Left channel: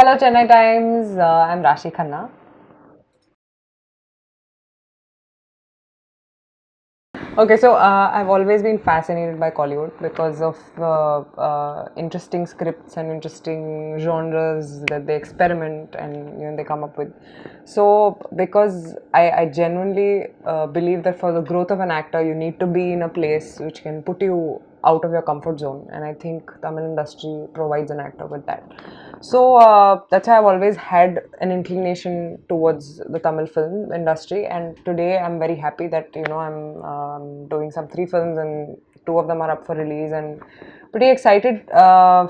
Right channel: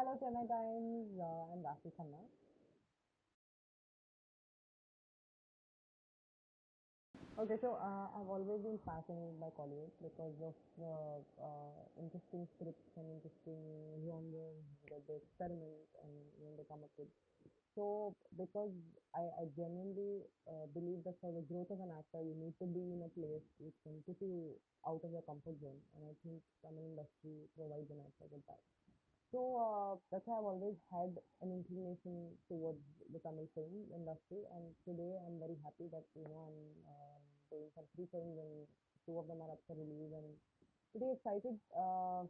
Hello, Chennai Times. I'm Raashi Khanna. Okay, so I've always been fascinated by Kollywood because of interesting scripts and interesting genres that they experiment and they come up with. So, because I genuinely believe that for the growth of an actor, you need to be in a place which can put you out of your comfort zone, and I think Tamil industry provides an actor with that. So that's why I've always had an inclination towards the Tamil film industry, and today I'm very happy that I'm doing some three films and two of them are up for release, and pretty excited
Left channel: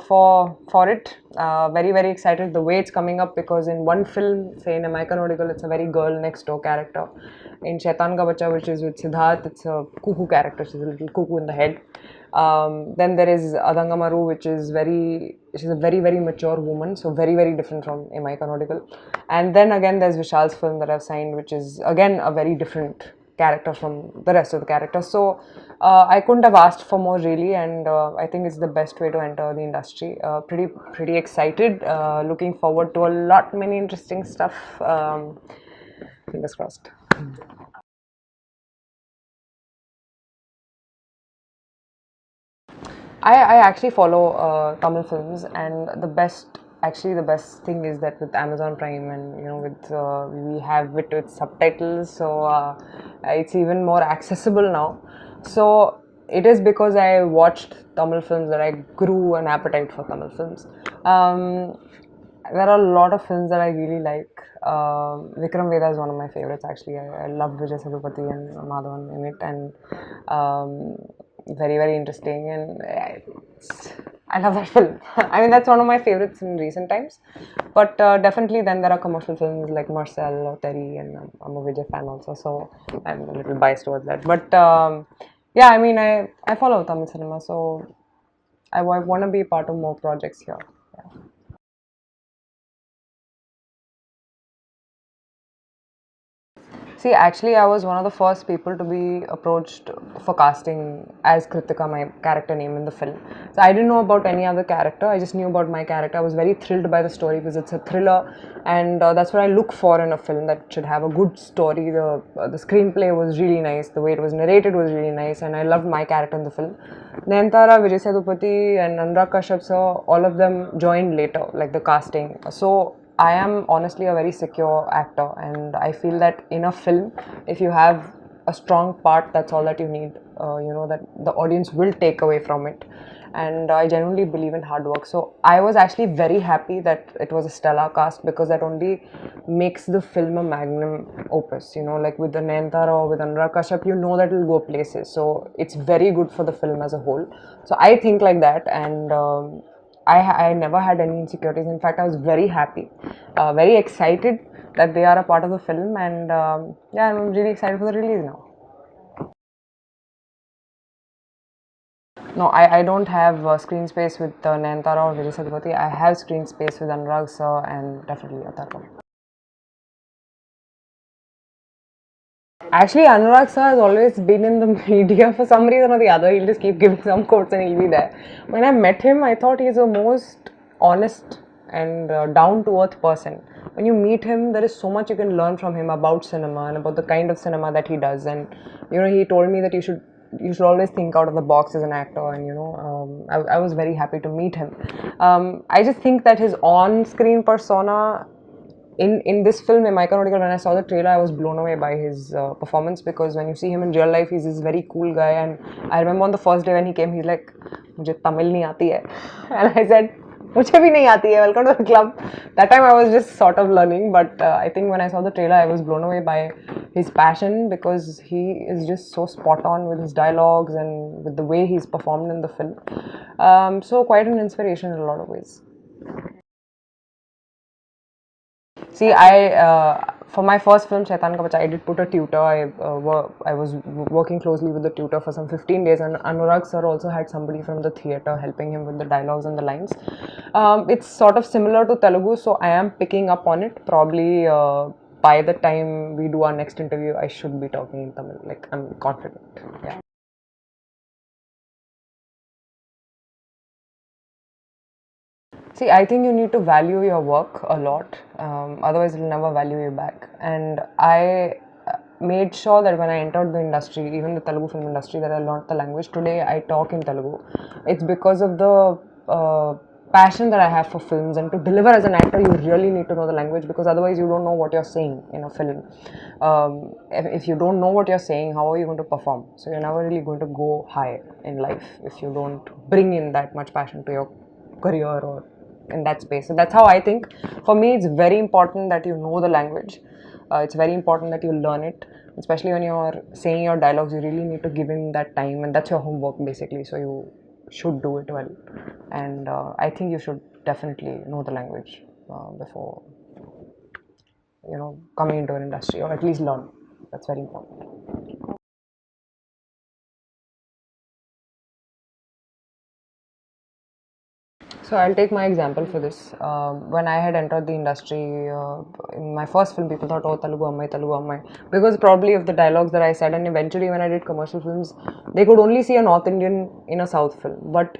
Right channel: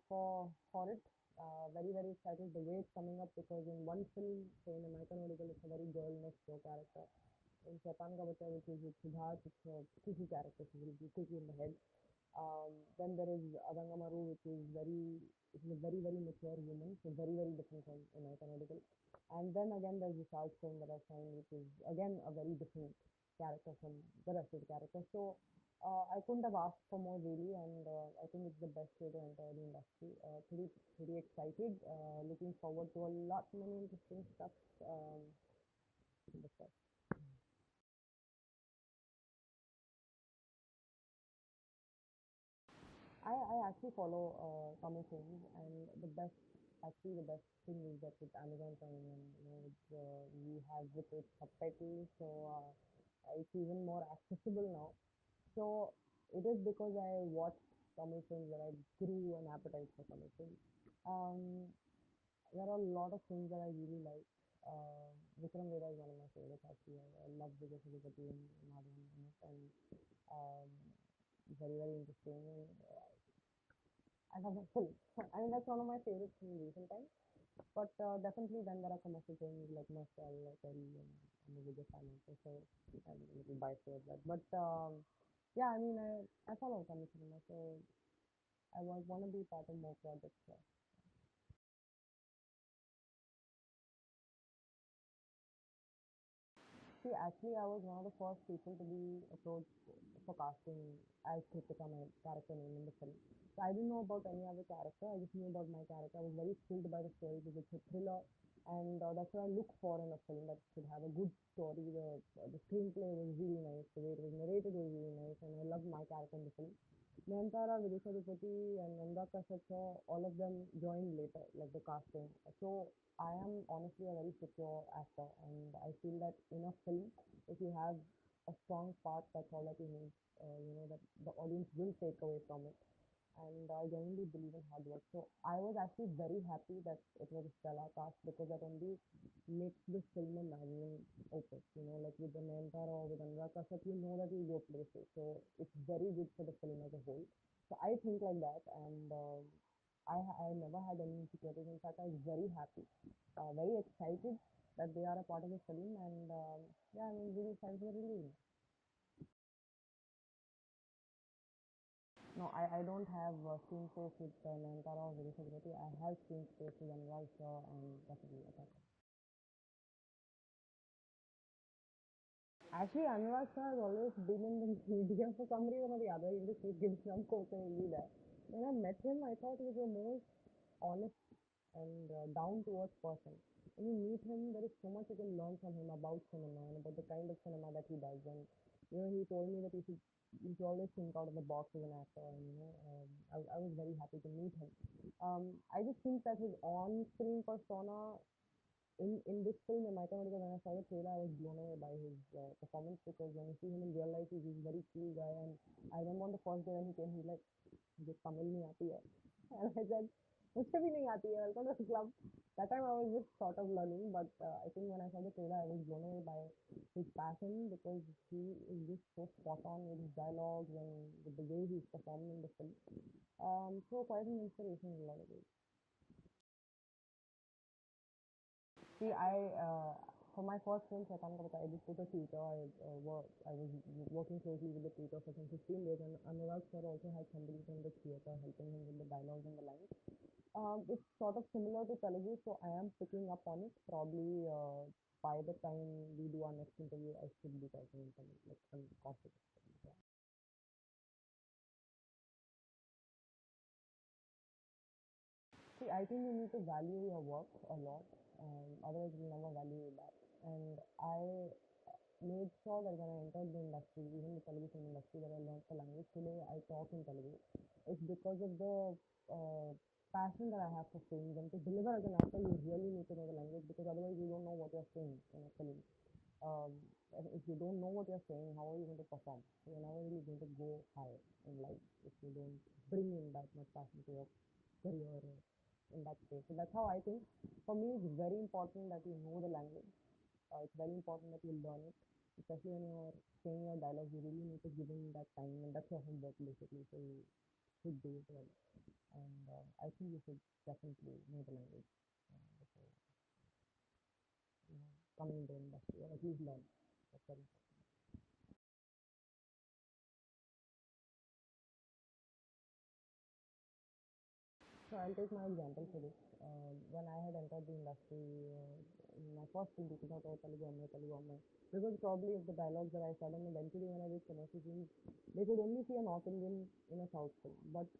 for it. Very excited the way it's coming up because in one film, say in American Audible, it's a very girl next door character. In Shaitan Ka Bacha, which is with Siddharth, it's a cuckoo character. She's a little cuckoo in the head. Then there is Adangamaru, which is a very mature woman, so very different from Amai Canonical. And then again, there's Vishal's film that I've signed, which is again a very different character from the rest of the characters. So I couldn't have asked for more really, and I think it's the best way to enter the industry. Pretty excited, looking forward to a lot many interesting stuff. Fingers crossed. I actually follow Tamil films, and the best thing is that with Amazon Prime and with we have it with subtitles, so it's even more accessible now. So it is because I watched Tamil films that I grew an appetite for Tamil films. Um, there are a lot of films that I really like. Vikram Vedha is one of my favorites actually. I love Vijay and Madhavan in it, and very interesting, and I love that film. I mean, that's one of my favorites in recent times. But definitely, then there are commercial films like Mersal Theri, and I'm a Vijay fan also, so I'm a little biased towards that. But yeah, I mean, I follow Tamil cinema, so I want to be part of more projects here. See, actually, I was one of the first people to be approached for casting as Kritika, my character name in the film. So I didn't know about any other character. I just knew about my character. I was very thrilled by the story because it's a thriller, and that's what I look for in a film, that should have a good story. The screenplay was really nice. The way it was narrated was really nice, and I loved my character in the film. Nayantara, Vijay Sethupathi, and Anurag Kashyap sir, all of them joined later, like the casting. So I am honestly a very secure actor, and I feel that in a film, if you have a strong part, that's all that you need. That the audience will take away from it, and I genuinely believe in hard work. So I was actually very happy that it was a stellar cast, because that only makes the film a magnum opus. Like with the Nayantara or with Anurag Kashyap, you know that it will go places. So it's very good for the film as a whole. So I think like that, and I never had any insecurities. In fact, I was very happy, very excited that they are a part of the film, and yeah, I'm really excited for the release now. No, I don't have screen space with Nayantara or Vijay Sethupathi. I have screen space with Anurag sir and definitely Atharva. Actually, Anurag sir has always been in the media for some reason or the other. He'll just keep giving some quotes and he'll be there. When I met him, I thought he's the most honest and down to earth person. When you meet him, there is so much you can learn from him about cinema and about the kind of cinema that he does. And he told me that you should always think out of the box as an actor, and I was very happy to meet him. I just think that his on-screen persona in this film, in Myconautical, when I saw the trailer, I was blown away by his performance, because when you see him in real life, he's this very cool guy. And I remember on the first day when he came, he's like, "Mujhe Tamil nahi aati hai," and I said, "Mujhe bhi nahi aati hai. Welcome to the club." That time I was just sort of learning, but I think when I saw the trailer, I was blown away by his passion, because he is just so spot on with his dialogues and with the way he's performed in the film. So quite an inspiration in a lot of ways. See, for my first film, Shaitan Ka Bacha, I did put a tutor. I was working closely with the tutor for some 15 days, and Anurag sir also had somebody from the theatre helping him with the dialogues and the lines. It's sort of similar to Telugu, so I am picking up on it. Probably by the time we do our next interview, I should be talking in Tamil. Like, I'm confident. Yeah. See, I think you need to value your work a lot, otherwise, it'll never value you back. And I made sure that when I entered the industry, even the Telugu film industry, that I learned the language. Today, I talk in Telugu. It's because of the passion that I have for films, and to deliver as an actor, you really need to know the language, because otherwise, you don't know what you're saying in a film. If you don't know what you're saying, how are you going to perform? So, you're never really going to go high in life if you don't bring in that much passion to your career or in that space. So that's how I think. For me, it's very important that you know the language. It's very important that you learn it, especially when you're saying your dialogues. You really need to give in that time, and that's your homework basically. So you should do it well, and I think you should definitely know the language before coming into an industry, or at least learn. That's very important. So I'll take my example for this. When I had entered the industry, in my first film, people thought, "Oh, Telugu Ammai," because probably of the dialogues that I said. And eventually, when I did commercial films, they could only see a North Indian in a South film. But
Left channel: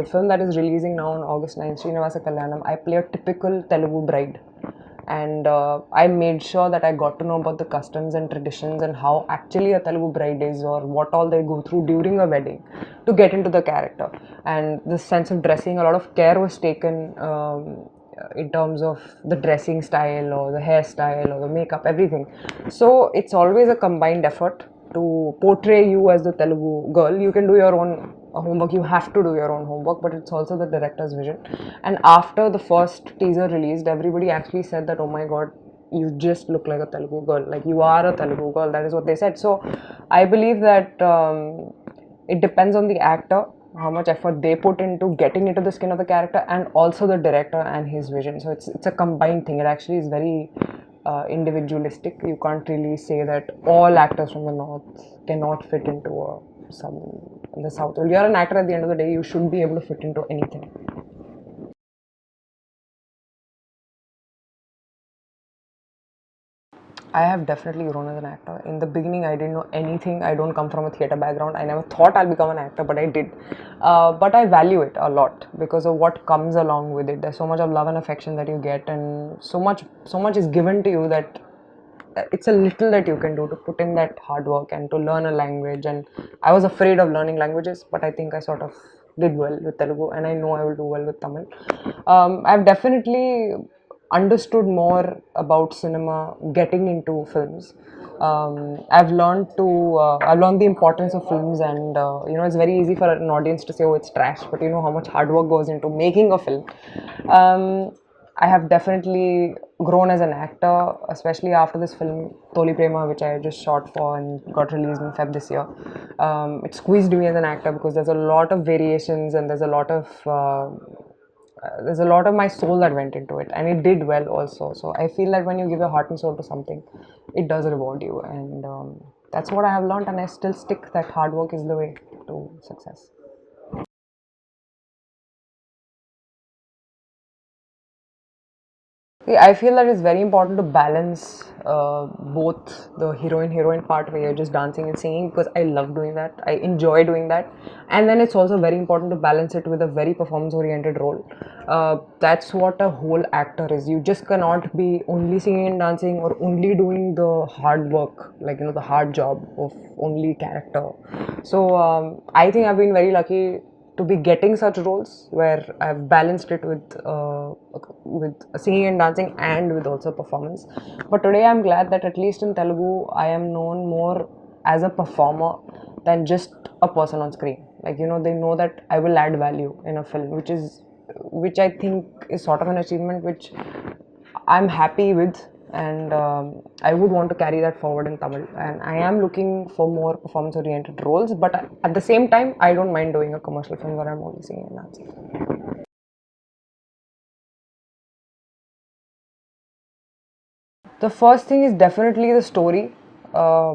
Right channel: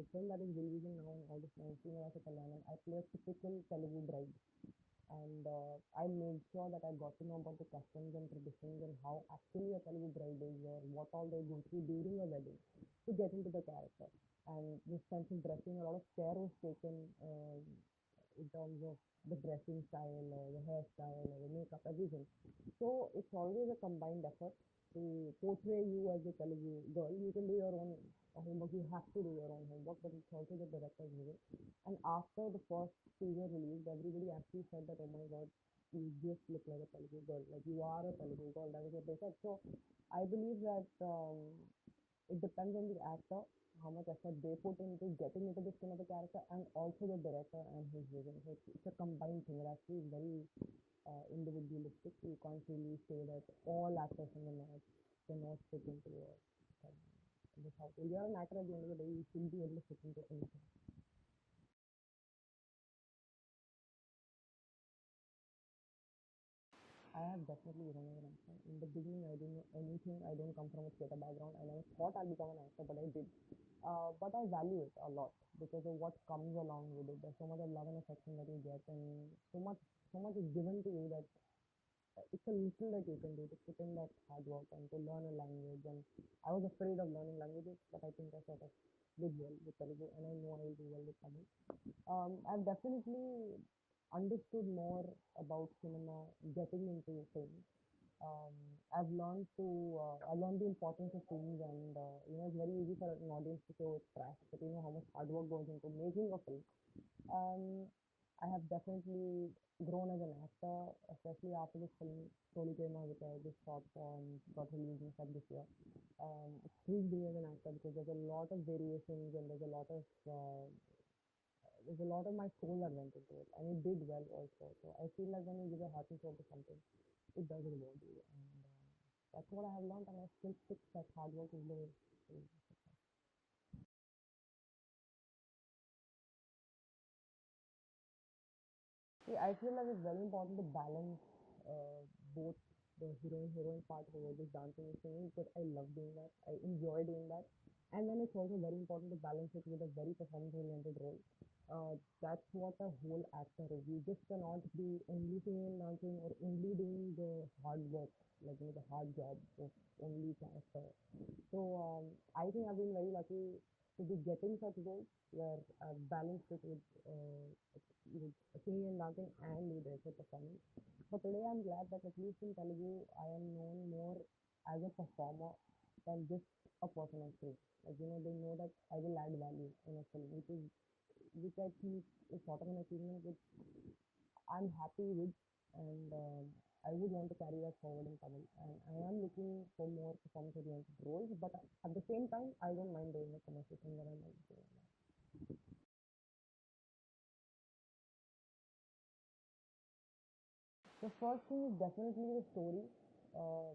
the film that is releasing now on August 9th, Srinivasa Kalyanam, I play a typical Telugu bride. And I made sure that I got to know about the customs and traditions and how actually a Telugu bride is, or what all they go through during a wedding to get into the character. And the sense of dressing, a lot of care was taken in terms of the dressing style or the hairstyle or the makeup, everything. So it's always a combined effort to portray you as the Telugu girl. You can do your own homework, you have to do your own homework, but it's also the director's vision. And after the first teaser released, everybody actually said that, "Oh my god, you just look like a Telugu girl, like you are a Telugu girl." That is what they said. So I believe that it depends on the actor, how much effort they put into getting into the skin of the character, and also the director and his vision. So it's a combined thing. It actually is very individualistic. You can't really say that all actors from the north cannot fit into some in the south. Well, you're an actor at the end of the day. You should be able to fit into anything. I have definitely grown as an actor. In the beginning, I didn't know anything. I don't come from a theatre background. I never thought I'll become an actor, but I did. But I value it a lot because of what comes along with it. There's so much of love and affection that you get, and so much is given to you that it's a little that you can do to put in that hard work and to learn a language. And I was afraid of learning languages, but I think I sort of did well with Telugu, and I know I will do well with Tamil. I've definitely understood more about cinema getting into films. I've learned the importance of films, and it's very easy for an audience to say, "Oh, it's trash," but you know how much hard work goes into making a film. I have definitely grown as an actor, especially after this film Toli Prema, which I just shot for and got released in Feb this year. It squeezed me as an actor because there's a lot of variations, and there's a lot of my soul that went into it, and it did well also. So I feel that when you give your heart and soul to something, it does reward you, and that's what I have learned, and I still stick that hard work is the way to success. I feel that it's very important to balance both the heroine part where you're just dancing and singing, because I love doing that. I enjoy doing that. And then it's also very important to balance it with a very performance oriented role. That's what a whole actor is. You just cannot be only singing and dancing, or only doing the hard work, like, the hard job of only character. So I think I've been very lucky to be getting such roles where I've balanced it with singing and dancing and with also performance. But today I'm glad that at least in Telugu I am known more as a performer than just a person on screen. Like, they know that I will add value in a film, which I think is sort of an achievement which I'm happy with, and I would want to carry that forward in Tamil. And I am looking for more performance-oriented roles, but at the same time, I don't mind doing a commercial film where I'm only singing and dancing. The first thing is definitely the story, uh,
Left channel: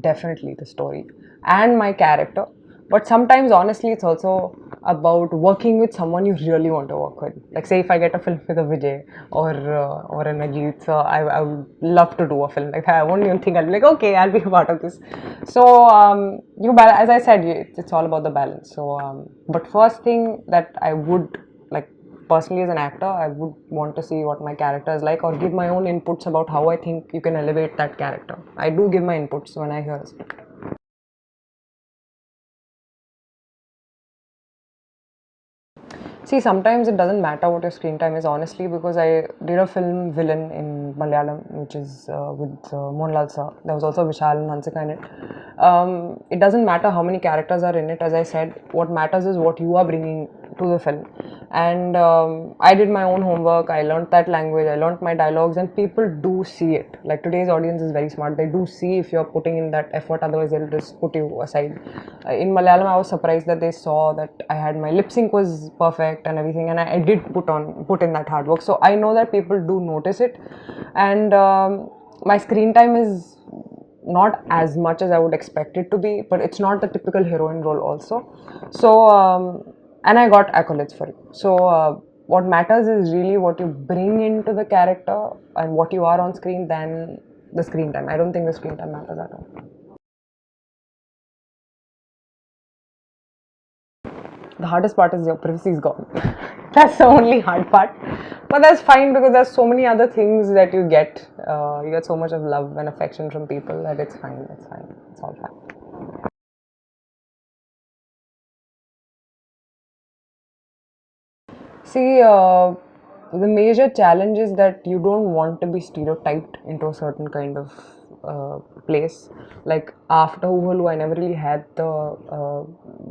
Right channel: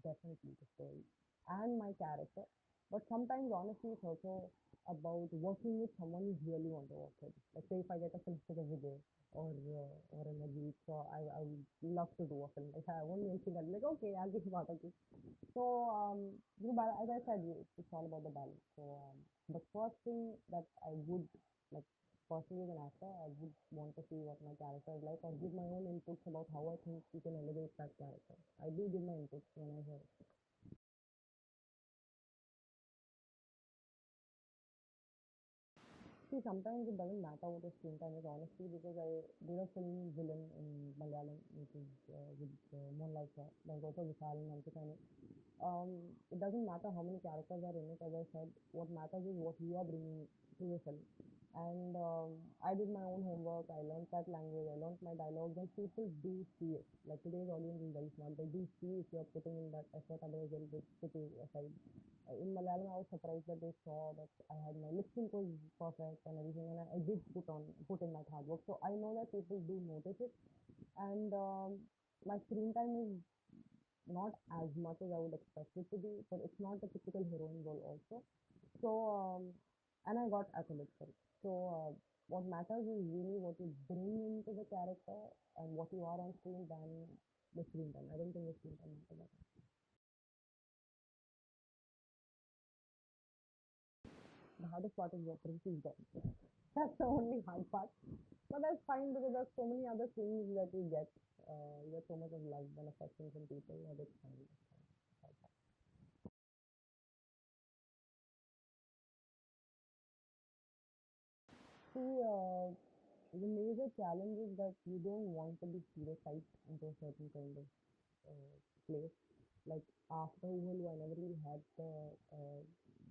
definitely the story, and my character. But sometimes, honestly, it's also about working with someone you really want to work with. Like, say, if I get a film with a Vijay or an Ajit, so I would love to do a film like that. I won't even think, I'll be like, okay, I'll be a part of this. So, as I said, it's all about the balance. So, but first thing that I would like personally as an actor, I would want to see what my character is like, or give my own inputs about how I think you can elevate that character. I do give my inputs when I hear a script. See, sometimes it doesn't matter what your screen time is, honestly, because I did a film Villain in Malayalam, which is with Mohanlal sir. There was also Vishal and Hansika in it. It doesn't matter how many characters are in it, as I said. What matters is what you are bringing to the film. And I did my own homework. I learned that language. I learned my dialogues, and people do see it. Like, today's audience is very smart. They do see if you're putting in that effort. Otherwise, they'll just put you aside. In Malayalam, I was surprised that they saw that I had my lip sync was perfect and everything, and I did put in that hard work. So I know that people do notice it, and my screen time is not as much as I would expect it to be, but it's not the typical heroine role also. So and I got accolades for it. So what matters is really what you bring into the character and what you are on screen than the screen time. I don't think the screen time matters at all. The hardest part is your privacy is gone. That's the only hard part. But that's fine because there's so many other things that you get. You get so much of love and affection from people that it's fine. It's fine. It's all fine. See, the major challenge is that you don't want to be stereotyped into a certain kind of place. Like after Uhalu, I never really had the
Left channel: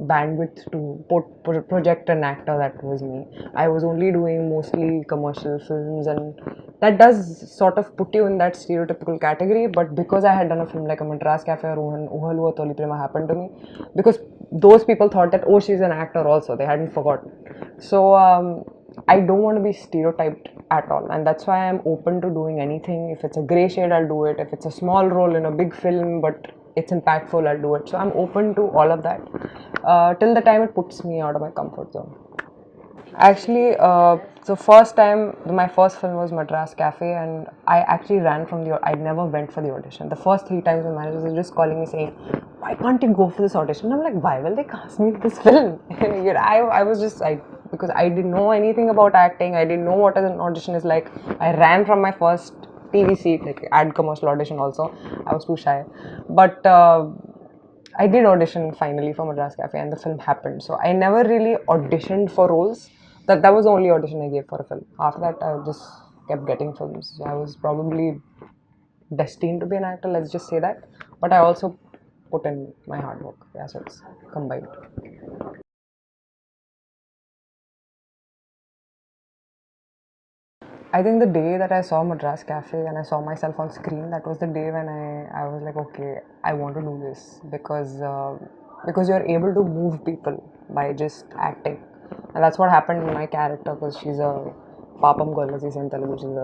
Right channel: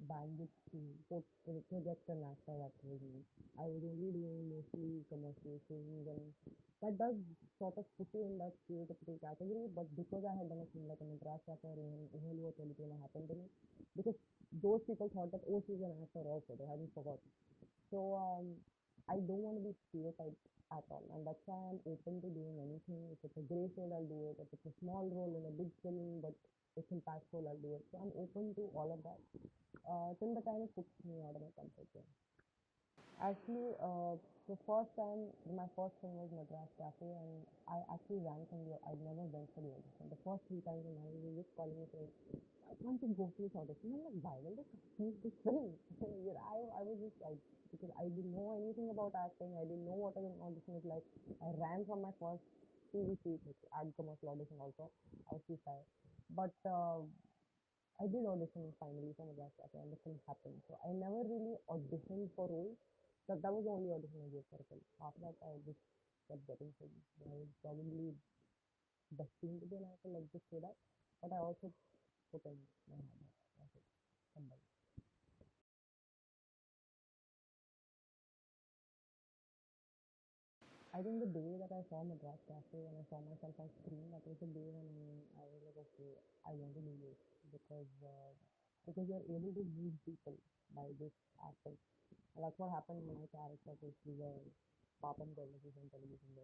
bandwidth to project an actor that was me. I was only doing mostly commercial films, and that does sort of put you in that stereotypical category. But because I had done a film like a Madras Cafe or Uhalu or Toli Prema happened to me, because those people thought that, oh, she's an actor also, they hadn't forgotten. So I don't want to be stereotyped at all, and that's why I'm open to doing anything. If it's a grey shade, I'll do it. If it's a small role in a big film but it's impactful, I'll do it. So I'm open to all of that till the time it puts me out of my comfort zone. Actually, the first time, my first film was Madras Cafe, and I actually ran from I never went for the audition. The first 3 times my managers were just calling me saying, why can't you go for this audition? I'm like, why will they cast me in this film? I was just like, because I didn't know anything about acting, I didn't know what an audition is like. I ran from my first TV seat, like ad commercial audition also. I was too shy. But I did audition finally for Madras Cafe, and the film happened. So I never really auditioned for roles. That was the only audition I gave for a film. After that, I just kept getting films. So I was probably destined to be an actor, let's just say that. But I also put in my hard work. Yeah, so it's combined. I think the day that I saw Madras Cafe and I saw myself on screen, that was the day when I was like, okay, I want to do this because you're able to move people by just acting, and that's what happened in my character, because she's a papam girl, as you say in Telugu. She's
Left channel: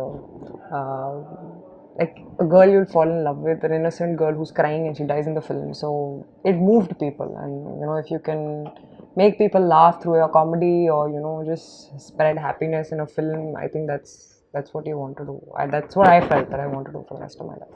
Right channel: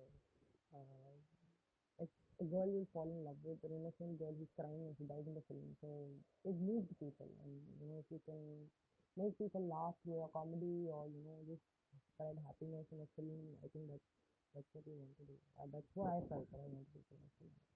like a girl you'll fall in love with, an innocent girl who's crying and she dies in the film. So it moved people, and if you can make people laugh through your comedy, or just spread happiness in a film, I think that's what you want to do. That's what I felt that I want to do for the rest of my life.